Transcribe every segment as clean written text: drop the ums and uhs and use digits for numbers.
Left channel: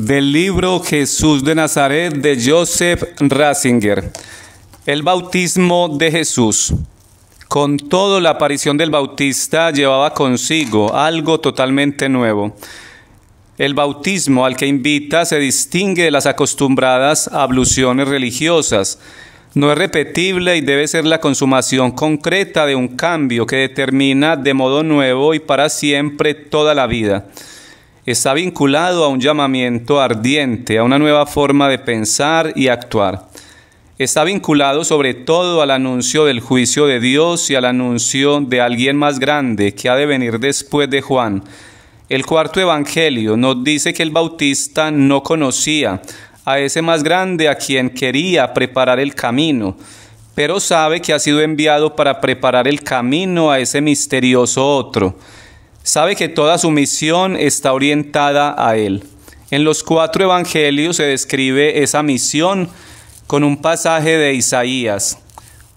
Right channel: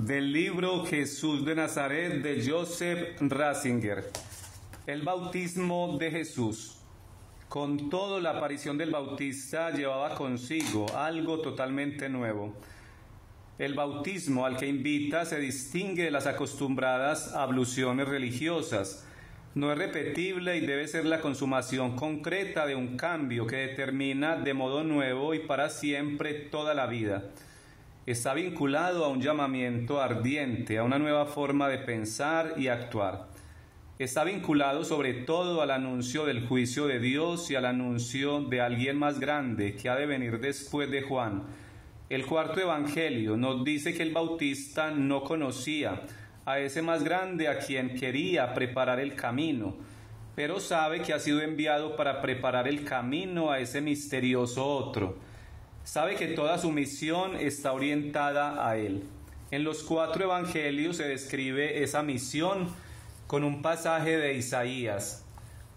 Del libro Jesús de Nazaret de Joseph Ratzinger. El bautismo de Jesús. Con todo, la aparición del Bautista llevaba consigo algo totalmente nuevo. El bautismo al que invita se distingue de las acostumbradas abluciones religiosas. No es repetible y debe ser la consumación concreta de un cambio que determina de modo nuevo y para siempre toda la vida. Está vinculado a un llamamiento ardiente, a una nueva forma de pensar y actuar. Está vinculado sobre todo al anuncio del juicio de Dios y al anuncio de alguien más grande que ha de venir después de Juan. El cuarto evangelio nos dice que el Bautista no conocía a ese más grande a quien quería preparar el camino, pero sabe que ha sido enviado para preparar el camino a ese misterioso otro. Sabe que toda su misión está orientada a él. En los cuatro evangelios se describe esa misión con un pasaje de Isaías.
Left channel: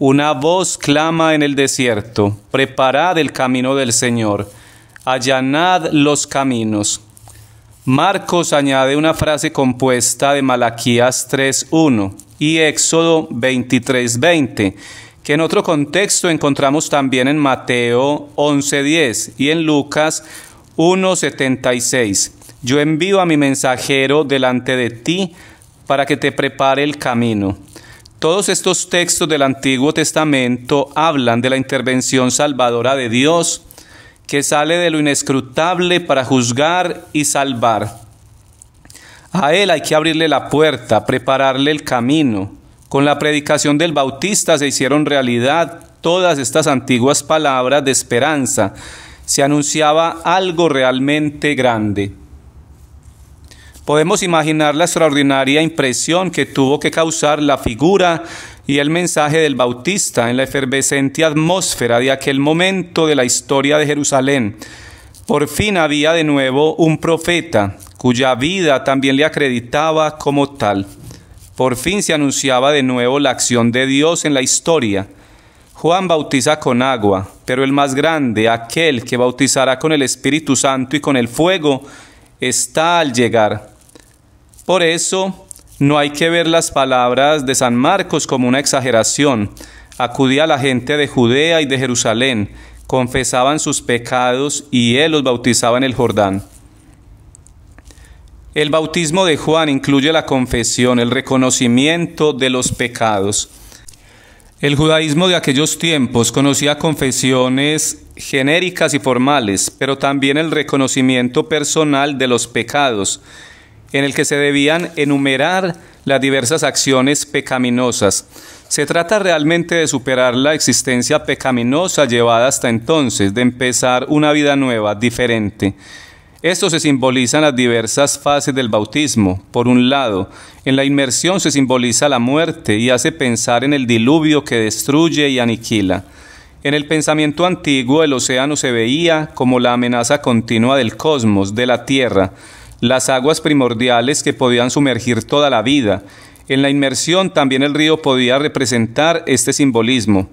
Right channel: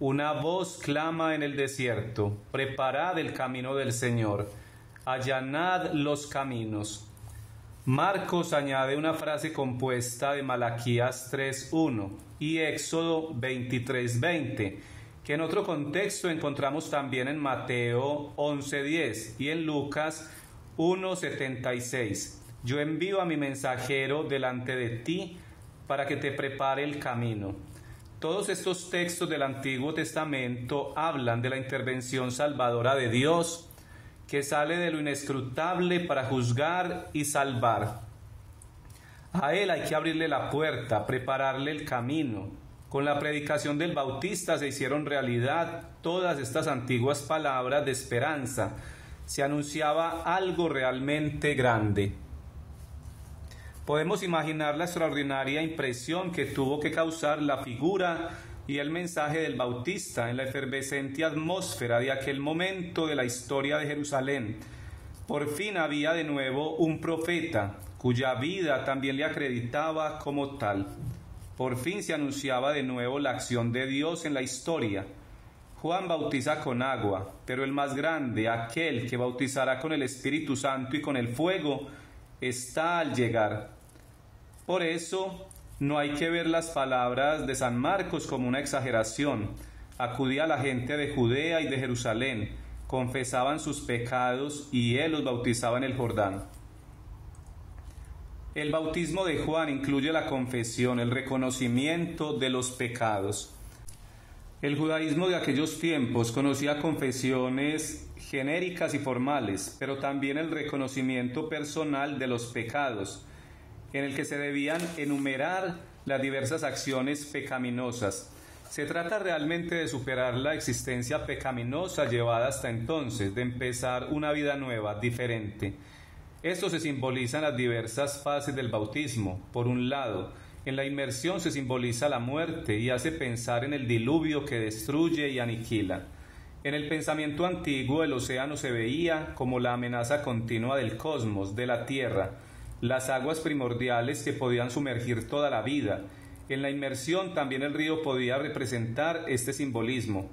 Una voz clama en el desierto: preparad el camino del Señor, allanad los caminos. Marcos añade una frase compuesta de Malaquías 3:1 y Éxodo 23:20, que en otro contexto encontramos también en Mateo 11:10 y en Lucas 1:76. Yo envío a mi mensajero delante de ti para que te prepare el camino. Todos estos textos del Antiguo Testamento hablan de la intervención salvadora de Dios, que sale de lo inescrutable para juzgar y salvar. A Él hay que abrirle la puerta, prepararle el camino. Con la predicación del Bautista se hicieron realidad todas estas antiguas palabras de esperanza. Se anunciaba algo realmente grande. Podemos imaginar la extraordinaria impresión que tuvo que causar la figura y el mensaje del Bautista en la efervescente atmósfera de aquel momento de la historia de Jerusalén. Por fin había de nuevo un profeta, cuya vida también le acreditaba como tal. Por fin se anunciaba de nuevo la acción de Dios en la historia. Juan bautiza con agua, pero el más grande, aquel que bautizará con el Espíritu Santo y con el fuego, está al llegar. Por eso, no hay que ver las palabras de San Marcos como una exageración. Acudía la gente de Judea y de Jerusalén, confesaban sus pecados y él los bautizaba en el Jordán. El bautismo de Juan incluye la confesión, el reconocimiento de los pecados. El judaísmo de aquellos tiempos conocía confesiones genéricas y formales, pero también el reconocimiento personal de los pecados, en el que se debían enumerar las diversas acciones pecaminosas. Se trata realmente de superar la existencia pecaminosa llevada hasta entonces, de empezar una vida nueva, diferente. Esto se simboliza en las diversas fases del bautismo. Por un lado, en la inmersión se simboliza la muerte y hace pensar en el diluvio que destruye y aniquila. En el pensamiento antiguo, el océano se veía como la amenaza continua del cosmos, de la tierra, las aguas primordiales que podían sumergir toda la vida. En la inmersión también el río podía representar este simbolismo,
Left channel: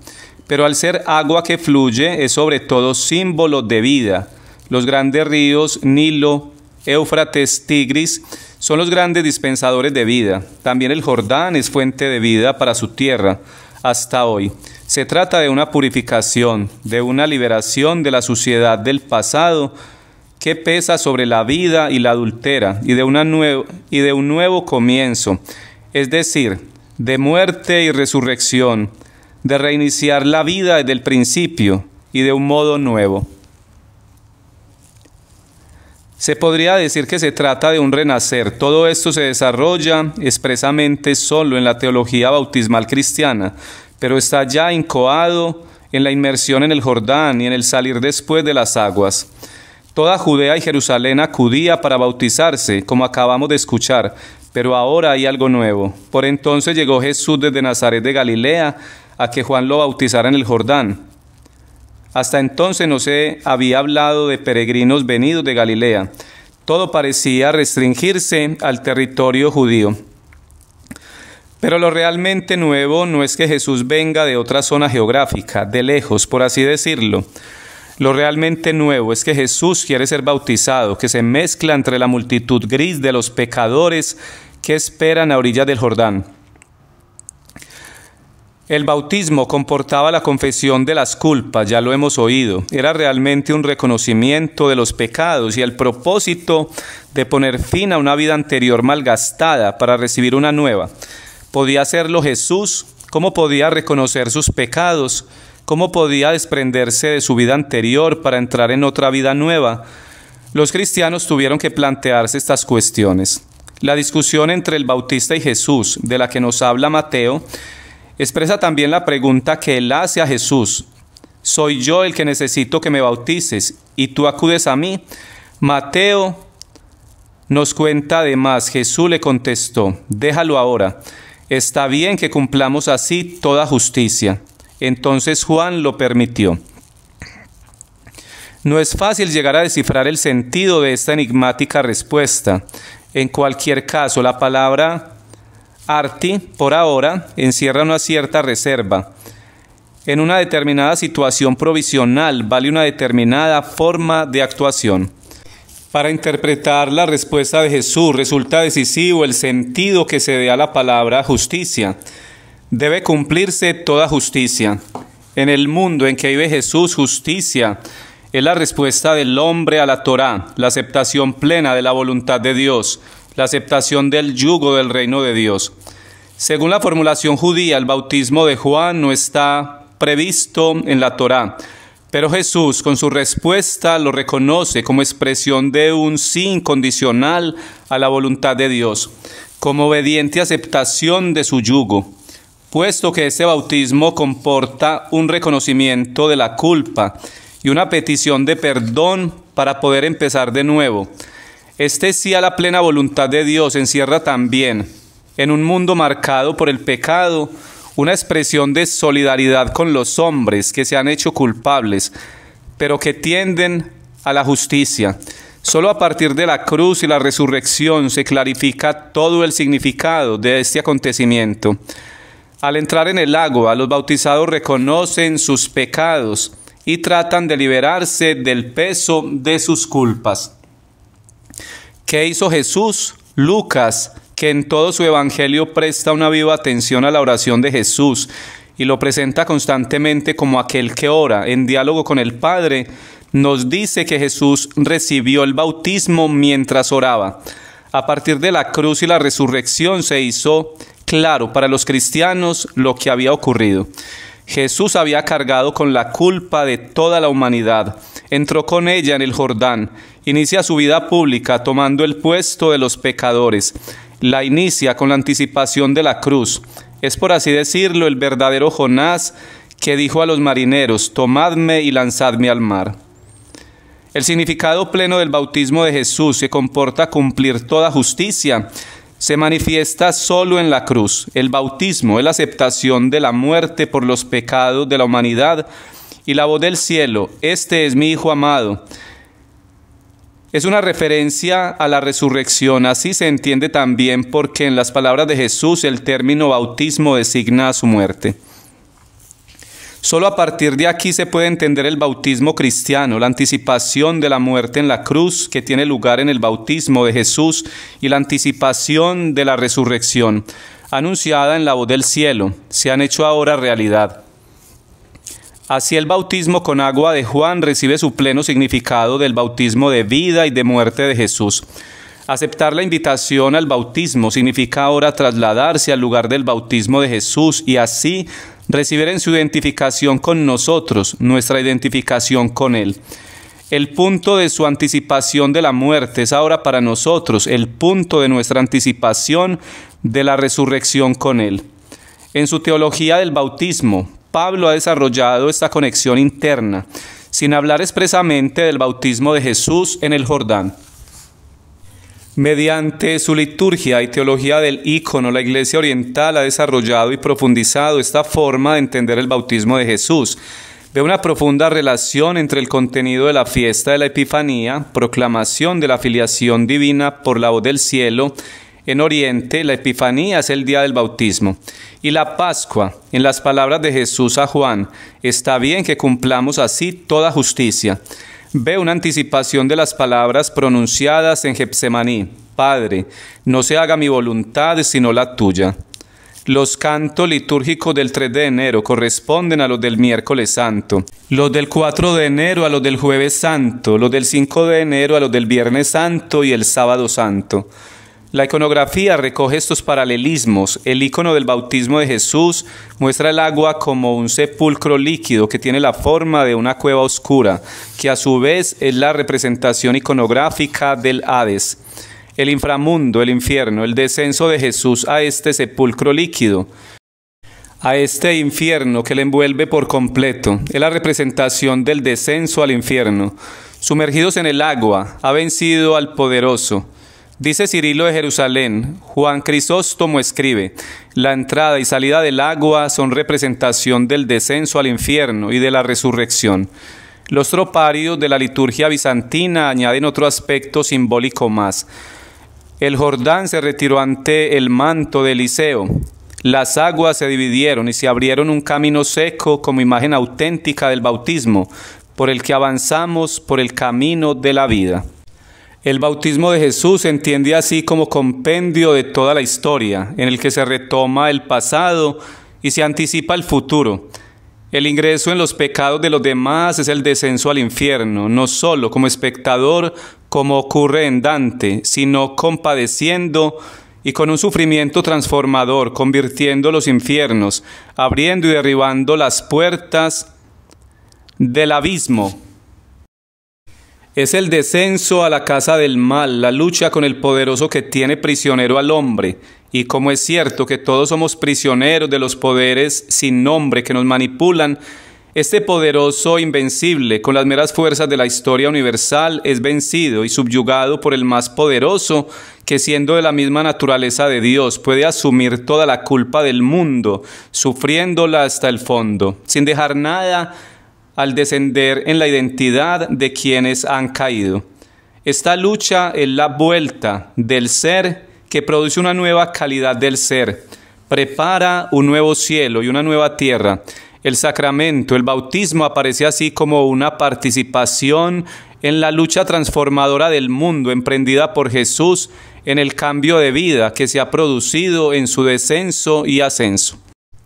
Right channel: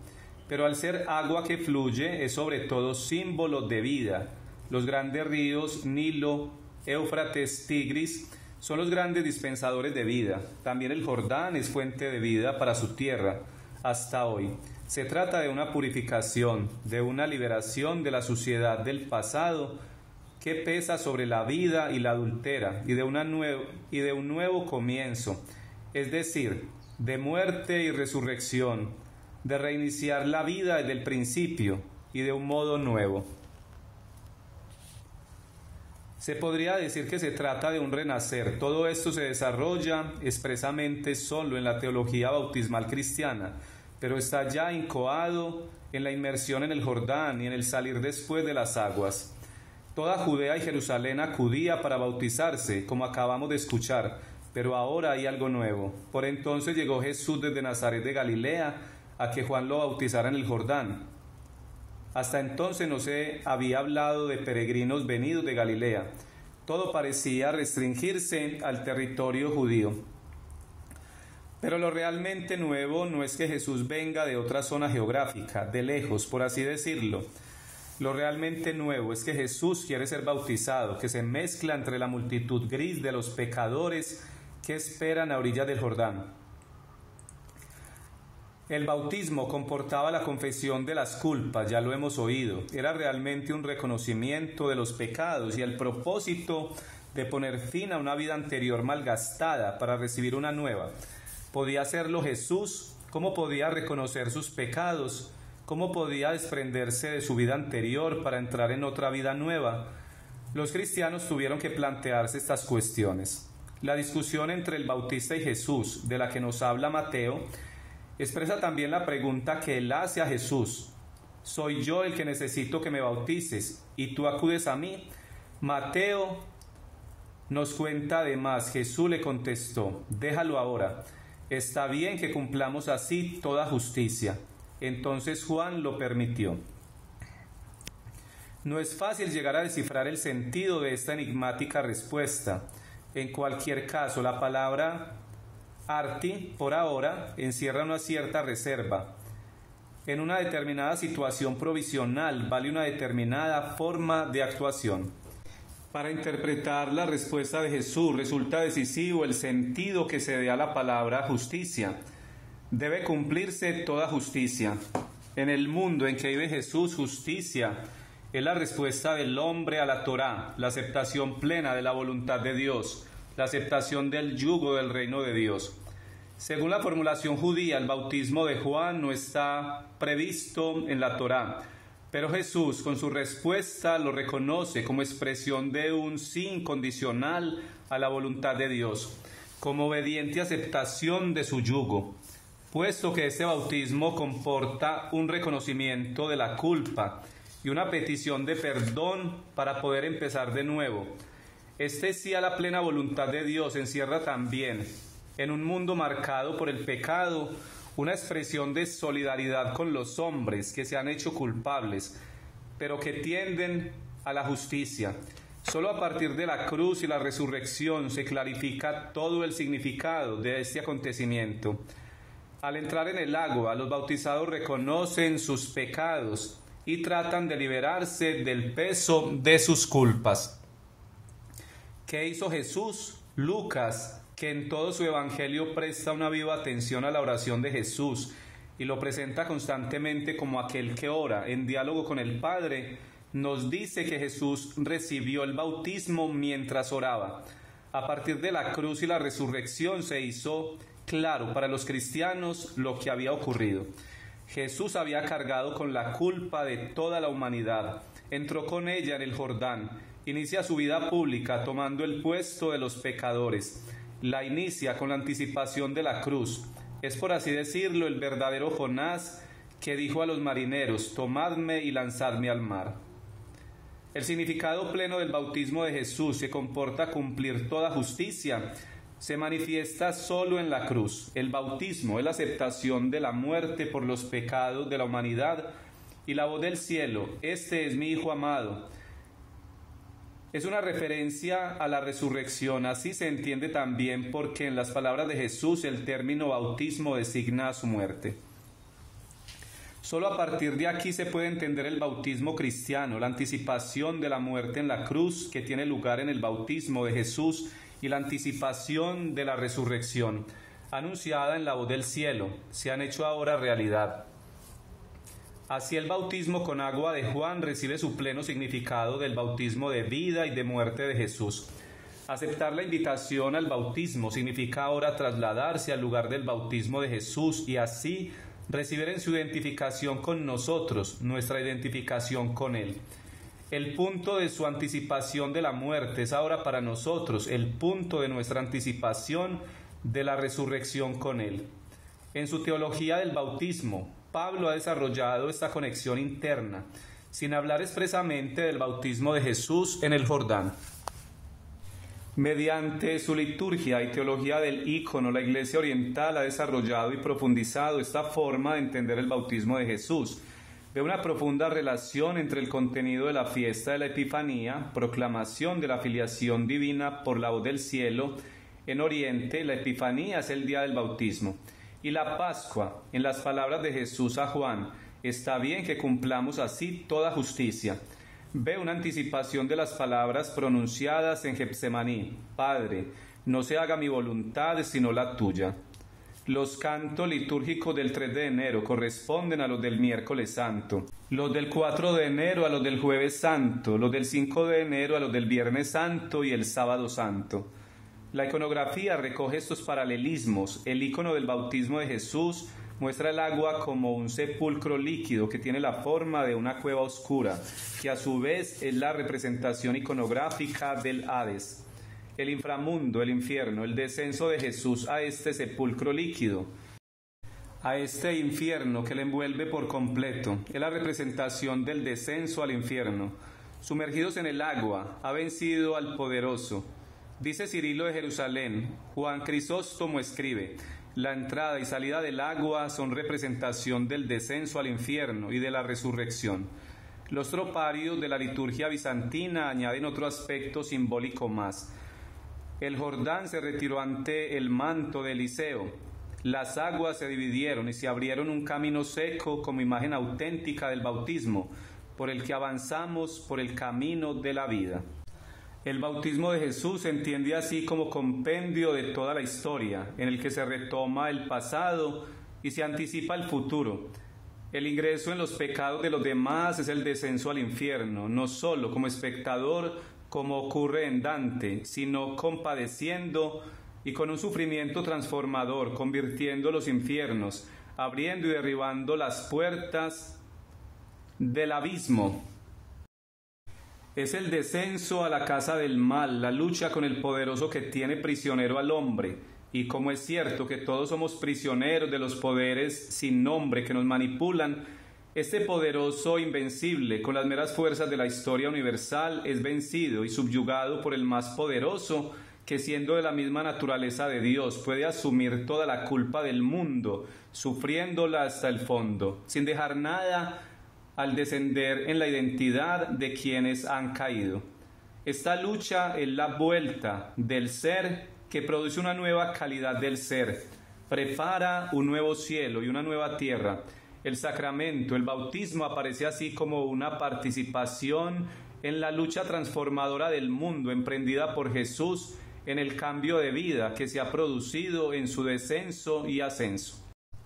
pero al ser agua que fluye es sobre todo símbolo de vida. Los grandes ríos Nilo, Éufrates, Tigris son los grandes dispensadores de vida. También el Jordán es fuente de vida para su tierra hasta hoy. Se trata de una purificación, de una liberación de la suciedad del pasado que pesa sobre la vida y la adultera, y de un nuevo comienzo, es decir, de muerte y resurrección, de reiniciar la vida desde el principio y de un modo nuevo. Se podría decir que se trata de un renacer. Todo esto se desarrolla expresamente solo en la teología bautismal cristiana, pero está ya incoado en la inmersión en el Jordán y en el salir después de las aguas. Toda Judea y Jerusalén acudía para bautizarse, como acabamos de escuchar, pero ahora hay algo nuevo. Por entonces llegó Jesús desde Nazaret de Galilea a que Juan lo bautizara en el Jordán. Hasta entonces no se había hablado de peregrinos venidos de Galilea. Todo parecía restringirse al territorio judío. Pero lo realmente nuevo no es que Jesús venga de otra zona geográfica, de lejos, por así decirlo. Lo realmente nuevo es que Jesús quiere ser bautizado, que se mezcla entre la multitud gris de los pecadores que esperan a orillas del Jordán. El bautismo comportaba la confesión de las culpas, ya lo hemos oído. Era realmente un reconocimiento de los pecados y el propósito de poner fin a una vida anterior malgastada para recibir una nueva. ¿Podía hacerlo Jesús? ¿Cómo podía reconocer sus pecados? ¿Cómo podía desprenderse de su vida anterior para entrar en otra vida nueva? Los cristianos tuvieron que plantearse estas cuestiones. La discusión entre el Bautista y Jesús, de la que nos habla Mateo, expresa también la pregunta que él hace a Jesús: ¿soy yo el que necesito que me bautices y tú acudes a mí? Mateo nos cuenta además, Jesús le contestó: déjalo ahora, está bien que cumplamos así toda justicia. Entonces Juan lo permitió. No es fácil llegar a descifrar el sentido de esta enigmática respuesta. En cualquier caso, la palabra arti, por ahora, encierra una cierta reserva. En una determinada situación provisional vale una determinada forma de actuación. Para interpretar la respuesta de Jesús resulta decisivo el sentido que se dé a la palabra justicia. Debe cumplirse toda justicia. En el mundo en que vive Jesús, justicia es la respuesta del hombre a la Torá, la aceptación plena de la voluntad de Dios, la aceptación del yugo del reino de Dios. Según la formulación judía, el bautismo de Juan no está previsto en la Torá, pero Jesús, con su respuesta, lo reconoce como expresión de un sí incondicional a la voluntad de Dios, como obediente aceptación de su yugo. Puesto que este bautismo comporta un reconocimiento de la culpa y una petición de perdón para poder empezar de nuevo, este sí a la plena voluntad de Dios encierra también, en un mundo marcado por el pecado, una expresión de solidaridad con los hombres que se han hecho culpables, pero que tienden a la justicia. Solo a partir de la cruz y la resurrección se clarifica todo el significado de este acontecimiento. Al entrar en el agua, los bautizados reconocen sus pecados y tratan de liberarse del peso de sus culpas. ¿Qué hizo Jesús? Lucas, que en todo su evangelio presta una viva atención a la oración de Jesús y lo presenta constantemente como aquel que ora en diálogo con el Padre, nos dice que Jesús recibió el bautismo mientras oraba. A partir de la cruz y la resurrección se hizo claro para los cristianos lo que había ocurrido. Jesús había cargado con la culpa de toda la humanidad, entró con ella en el Jordán, inicia su vida pública tomando el puesto de los pecadores, la inicia con la anticipación de la cruz. Es, por así decirlo, el verdadero Jonás que dijo a los marineros: tomadme y lanzadme al mar. El significado pleno del bautismo de Jesús, que comporta cumplir toda justicia, se manifiesta solo en la cruz. El bautismo es la aceptación de la muerte por los pecados de la humanidad y la voz del cielo: este es mi Hijo amado. Es una referencia a la resurrección. Así se entiende también porque en las palabras de Jesús el término bautismo designa su muerte. Solo a partir de aquí se puede entender el bautismo cristiano, la anticipación de la muerte en la cruz que tiene lugar en el bautismo de Jesús y la anticipación de la resurrección, anunciada en la voz del cielo, se han hecho ahora realidad. Así el bautismo con agua de Juan recibe su pleno significado del bautismo de vida y de muerte de Jesús. Aceptar la invitación al bautismo significa ahora trasladarse al lugar del bautismo de Jesús y así recibir en su identificación con nosotros, nuestra identificación con Él. El punto de su anticipación de la muerte es ahora para nosotros el punto de nuestra anticipación de la resurrección con Él. En su teología del bautismo, Pablo ha desarrollado esta conexión interna, sin hablar expresamente del bautismo de Jesús en el Jordán. Mediante su liturgia y teología del ícono, la Iglesia Oriental ha desarrollado y profundizado esta forma de entender el bautismo de Jesús. Ve una profunda relación entre el contenido de la fiesta de la Epifanía, proclamación de la filiación divina por la voz del cielo, En Oriente, la Epifanía es el día del bautismo. Y la Pascua, en las palabras de Jesús a Juan, está bien que cumplamos así toda justicia. Ve una anticipación de las palabras pronunciadas en Getsemaní: Padre, no se haga mi voluntad sino la tuya. Los cantos litúrgicos del 3 de enero corresponden a los del miércoles santo, los del 4 de enero a los del jueves santo, los del 5 de enero a los del viernes santo y el sábado santo. La iconografía recoge estos paralelismos. El icono del bautismo de Jesús muestra el agua como un sepulcro líquido que tiene la forma de una cueva oscura, que a su vez es la representación iconográfica del Hades. El inframundo, el infierno, el descenso de Jesús a este sepulcro líquido, a este infierno que le envuelve por completo, es la representación del descenso al infierno. Sumergidos en el agua, ha vencido al poderoso. Dice Cirilo de Jerusalén: Juan Crisóstomo escribe: la entrada y salida del agua son representación del descenso al infierno y de la resurrección. Los troparios de la liturgia bizantina añaden otro aspecto simbólico más. El Jordán se retiró ante el manto de Eliseo. Las aguas se dividieron y se abrieron un camino seco como imagen auténtica del bautismo, por el que avanzamos por el camino de la vida. El bautismo de Jesús se entiende así como compendio de toda la historia, en el que se retoma el pasado y se anticipa el futuro. El ingreso en los pecados de los demás es el descenso al infierno, no solo como espectador, como ocurre en Dante, sino compadeciendo y con un sufrimiento transformador, convirtiendo los infiernos, abriendo y derribando las puertas del abismo. Es el descenso a la casa del mal, la lucha con el poderoso que tiene prisionero al hombre. Y como es cierto que todos somos prisioneros de los poderes sin nombre que nos manipulan, este poderoso invencible, con las meras fuerzas de la historia universal, es vencido y subyugado por el más poderoso, que siendo de la misma naturaleza de Dios, puede asumir toda la culpa del mundo, sufriéndola hasta el fondo, sin dejar nada al descender en la identidad de quienes han caído. Esta lucha es la vuelta del ser que produce una nueva calidad del ser, prepara un nuevo cielo y una nueva tierra. El sacramento, el bautismo, aparece así como una participación en la lucha transformadora del mundo emprendida por Jesús en el cambio de vida que se ha producido en su descenso y ascenso.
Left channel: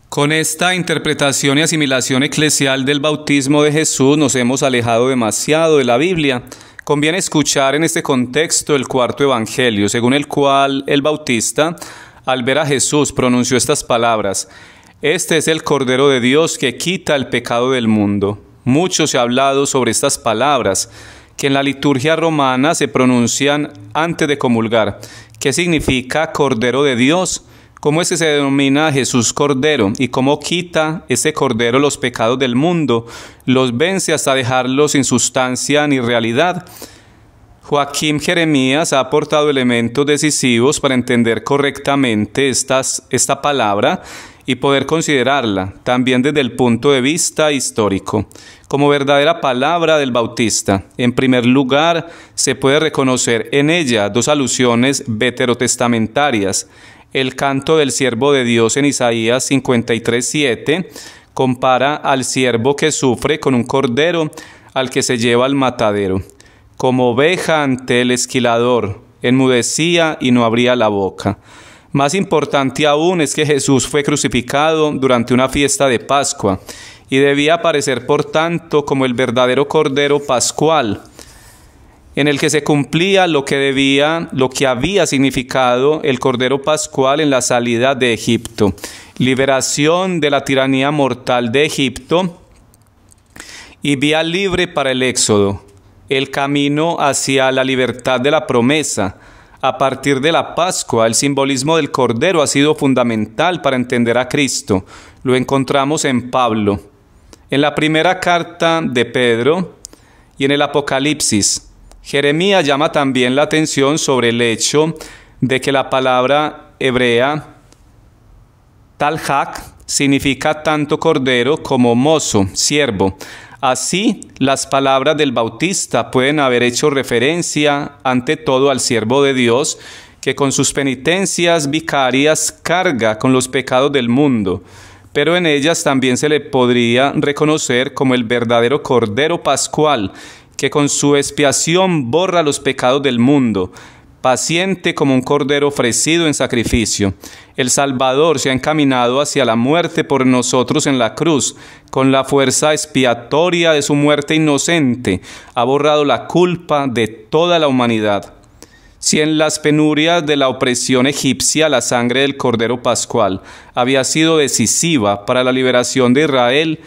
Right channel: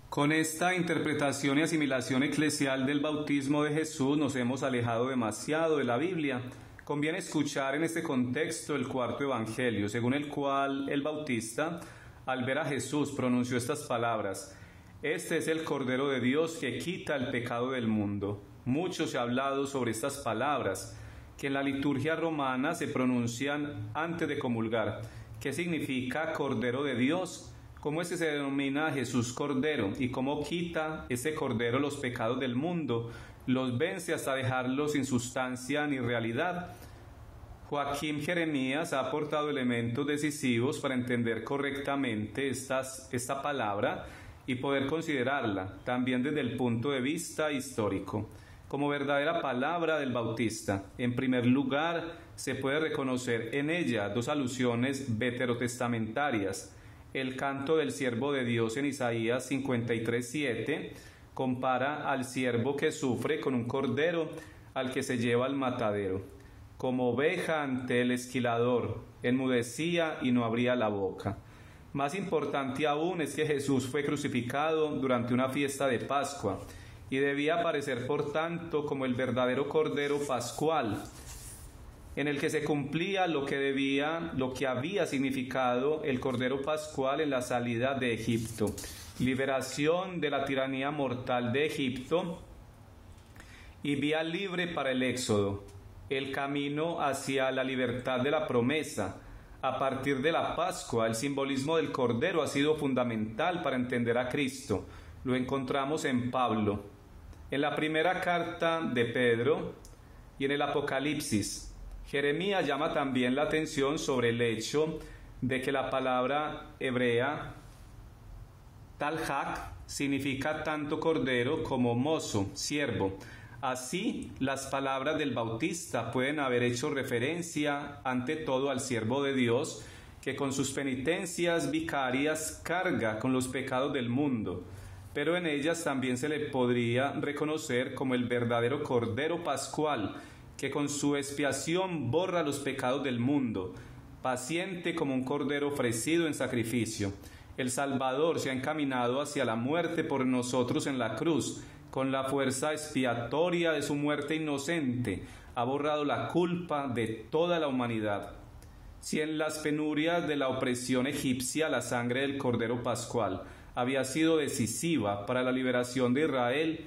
Con esta interpretación y asimilación eclesial del bautismo de Jesús nos hemos alejado demasiado de la Biblia. Conviene escuchar en este contexto el cuarto evangelio, según el cual el Bautista, al ver a Jesús, pronunció estas palabras: Este es el Cordero de Dios que quita el pecado del mundo. Mucho se ha hablado sobre estas palabras, que en la liturgia romana se pronuncian antes de comulgar. ¿Qué significa Cordero de Dios? ¿Cómo es que se denomina a Jesús Cordero? ¿Y cómo quita ese Cordero los pecados del mundo? Los vence hasta dejarlos sin sustancia ni realidad. Joaquín Jeremías ha aportado elementos decisivos para entender correctamente esta palabra y poder considerarla, también desde el punto de vista histórico, como verdadera palabra del Bautista. En primer lugar, se puede reconocer en ella dos alusiones veterotestamentarias. El canto del siervo de Dios en Isaías 53:7 compara al siervo que sufre con un cordero al que se lleva al matadero. Como oveja ante el esquilador, enmudecía y no abría la boca. Más importante aún es que Jesús fue crucificado durante una fiesta de Pascua y debía aparecer por tanto como el verdadero cordero pascual, en el que se cumplía lo que había significado el Cordero Pascual en la salida de Egipto, liberación de la tiranía mortal de Egipto y vía libre para el éxodo, el camino hacia la libertad de la promesa. A partir de la Pascua, el simbolismo del Cordero ha sido fundamental para entender a Cristo. Lo encontramos en Pablo, en la primera carta de Pedro y en el Apocalipsis. Jeremías llama también la atención sobre el hecho de que la palabra hebrea talhak significa tanto cordero como mozo, siervo. Así, las palabras del Bautista pueden haber hecho referencia ante todo al siervo de Dios que con sus penitencias vicarias carga con los pecados del mundo, pero en ellas también se le podría reconocer como el verdadero Cordero Pascual, que con su expiación borra los pecados del mundo, paciente como un cordero ofrecido en sacrificio. El Salvador se ha encaminado hacia la muerte por nosotros en la cruz. Con la fuerza expiatoria de su muerte inocente, ha borrado la culpa de toda la humanidad. Si en las penurias de la opresión egipcia la sangre del Cordero Pascual había sido decisiva para la liberación de Israel,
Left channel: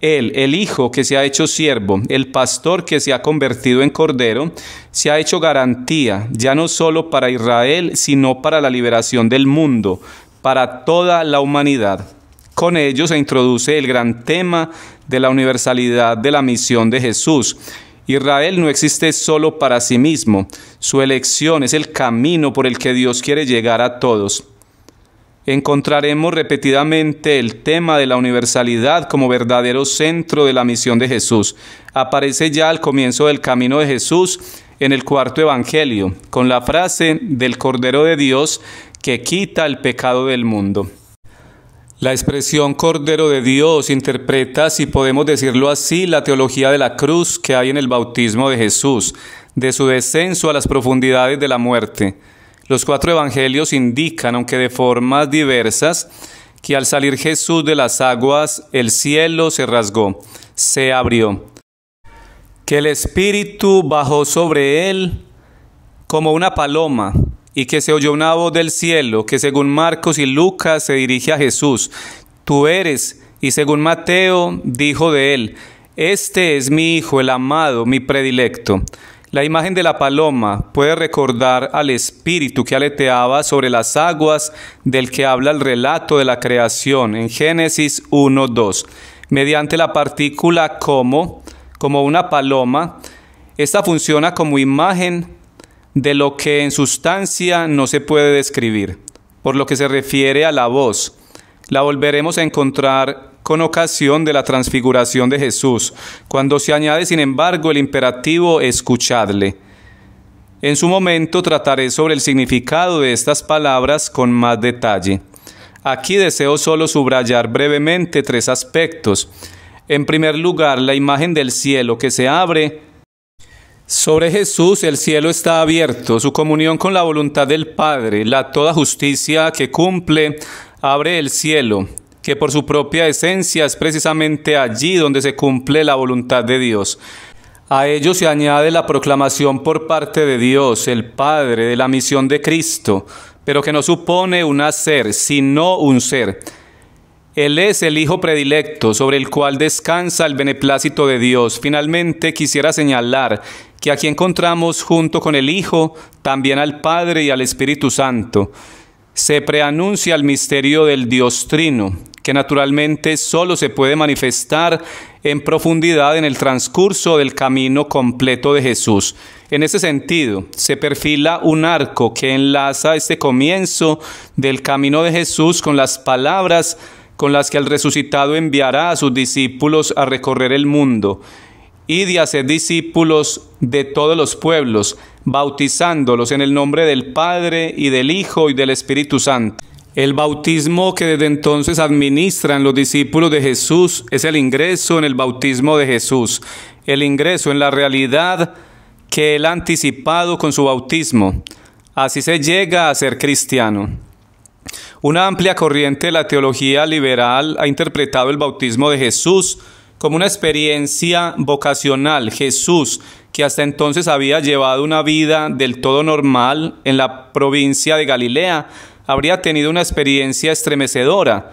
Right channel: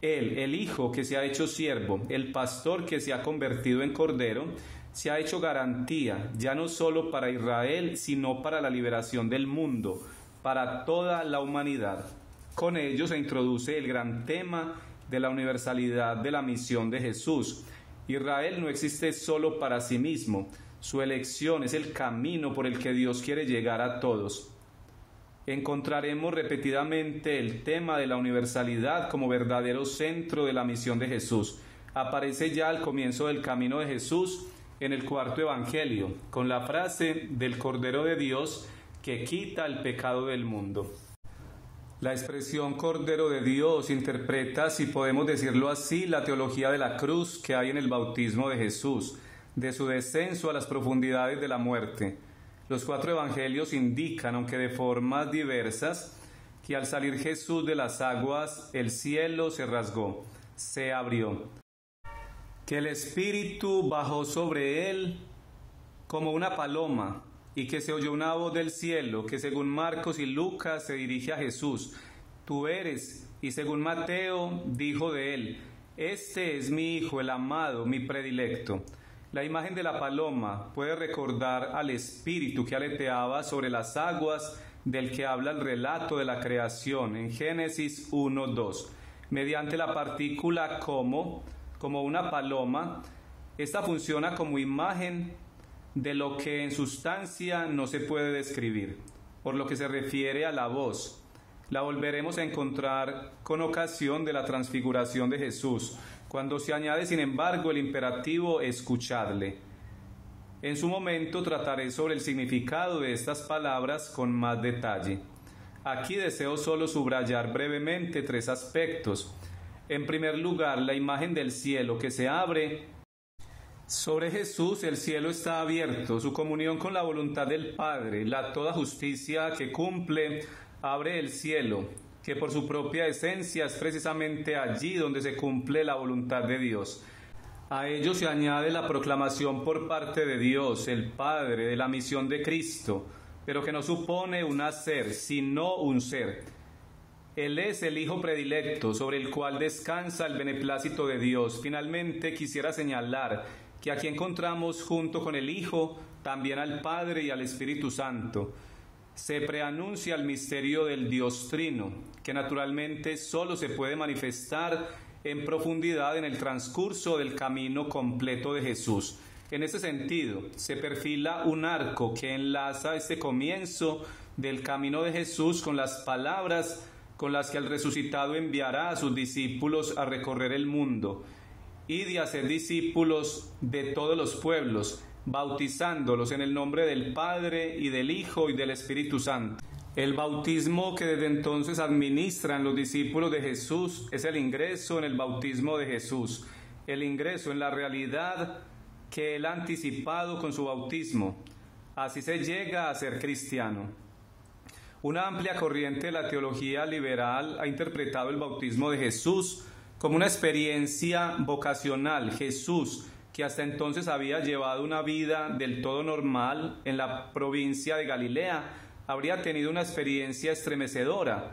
Él, el Hijo que se ha hecho siervo, el pastor que se ha convertido en Cordero, se ha hecho garantía ya no solo para Israel, sino para la liberación del mundo, para toda la humanidad. Con ello se introduce el gran tema de la universalidad de la misión de Jesús. Israel no existe solo para sí mismo, su elección es el camino por el que Dios quiere llegar a todos. Encontraremos repetidamente el tema de la universalidad como verdadero centro de la misión de Jesús. Aparece ya al comienzo del camino de Jesús en el cuarto evangelio, con la frase del Cordero de Dios que quita el pecado del mundo. La expresión Cordero de Dios interpreta, si podemos decirlo así, la teología de la cruz que hay en el bautismo de Jesús, de su descenso a las profundidades de la muerte. Los cuatro evangelios indican, aunque de formas diversas, que al salir Jesús de las aguas, el cielo se rasgó, se abrió, que el Espíritu bajó sobre él como una paloma, y que se oyó una voz del cielo, que según Marcos y Lucas se dirige a Jesús: tú eres, y según Mateo dijo de él: este es mi Hijo, el amado, mi predilecto. La imagen de la paloma puede recordar al Espíritu que aleteaba sobre las aguas del que habla el relato de la creación en Génesis 1:2. Mediante la partícula como una paloma, esta funciona como imagen de lo que en sustancia no se puede describir. Por lo que se refiere a la voz, la volveremos a encontrar con ocasión de la transfiguración de Jesús, cuando se añade, sin embargo, el imperativo escuchadle. En su momento trataré sobre el significado de estas palabras con más detalle. Aquí deseo solo subrayar brevemente tres aspectos. En primer lugar, la imagen del cielo que se abre. Sobre Jesús el cielo está abierto, su comunión con la voluntad del Padre, la toda justicia que cumple, abre el cielo, que por su propia esencia es precisamente allí donde se cumple la voluntad de Dios. A ello se añade la proclamación por parte de Dios, el Padre, de la misión de Cristo, pero que no supone un hacer, sino un ser. Él es el Hijo predilecto, sobre el cual descansa el beneplácito de Dios. Finalmente quisiera señalar que aquí encontramos junto con el Hijo también al Padre y al Espíritu Santo. Se preanuncia el misterio del Dios Trino, que naturalmente solo se puede manifestar en profundidad en el transcurso del camino completo de Jesús. En ese sentido, se perfila un arco que enlaza este comienzo del camino de Jesús con las palabras con las que el resucitado enviará a sus discípulos a recorrer el mundo y de hacer discípulos de todos los pueblos, bautizándolos en el nombre del Padre y del Hijo y del Espíritu Santo. El bautismo que desde entonces administran los discípulos de Jesús es el ingreso en el bautismo de Jesús, el ingreso en la realidad que Él ha anticipado con su bautismo. Así se llega a ser cristiano. Una amplia corriente de la teología liberal ha interpretado el bautismo de Jesús como una experiencia vocacional. Jesús, que hasta entonces había llevado una vida del todo normal en la provincia de Galilea, habría tenido una experiencia estremecedora.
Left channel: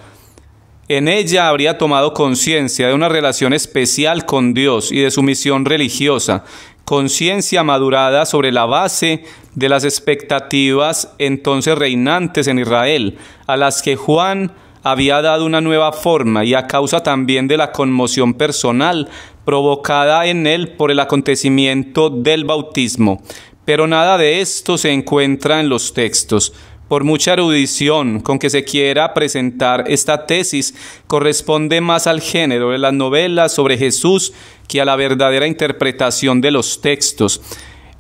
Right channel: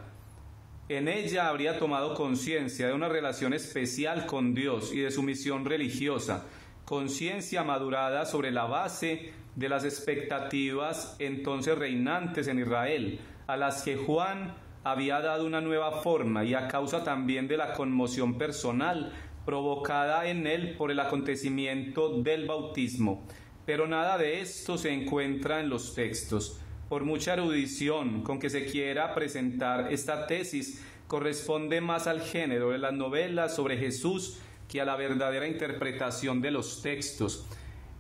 En ella habría tomado conciencia de una relación especial con Dios y de su misión religiosa, conciencia madurada sobre la base de las expectativas entonces reinantes en Israel, a las que Juan había dado una nueva forma y a causa también de la conmoción personal provocada en él por el acontecimiento del bautismo. Pero nada de esto se encuentra en los textos. Por mucha erudición con que se quiera presentar esta tesis, corresponde más al género de las novelas sobre Jesús que a la verdadera interpretación de los textos.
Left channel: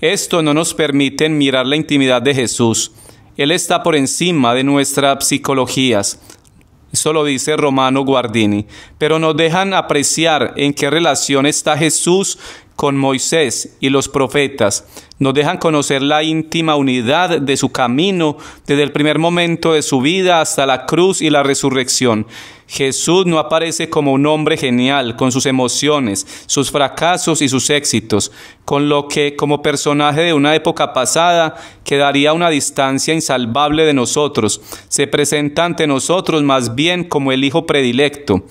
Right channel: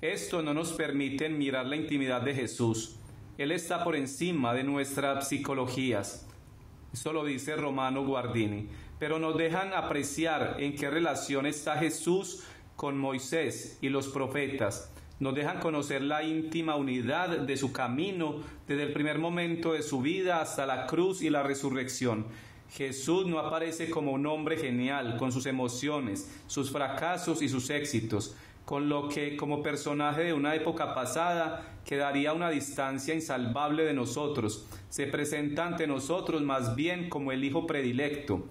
Esto no nos permite mirar la intimidad de Jesús. Él está por encima de nuestras psicologías. Eso lo dice Romano Guardini. Pero nos dejan apreciar en qué relación está Jesús con Moisés y los profetas. Nos dejan conocer la íntima unidad de su camino desde el primer momento de su vida hasta la cruz y la resurrección. Jesús no aparece como un hombre genial, con sus emociones, sus fracasos y sus éxitos, con lo que, como personaje de una época pasada, quedaría a una distancia insalvable de nosotros. Se presenta ante nosotros más bien como el Hijo predilecto,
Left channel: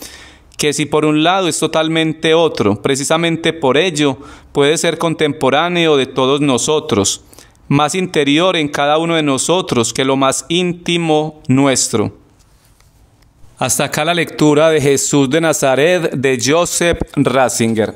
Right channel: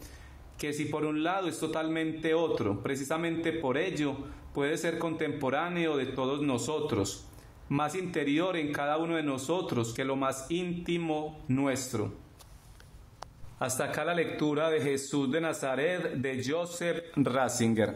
que si por un lado es totalmente otro, precisamente por ello puede ser contemporáneo de todos nosotros, más interior en cada uno de nosotros que lo más íntimo nuestro. Hasta acá la lectura de Jesús de Nazaret de Joseph Ratzinger.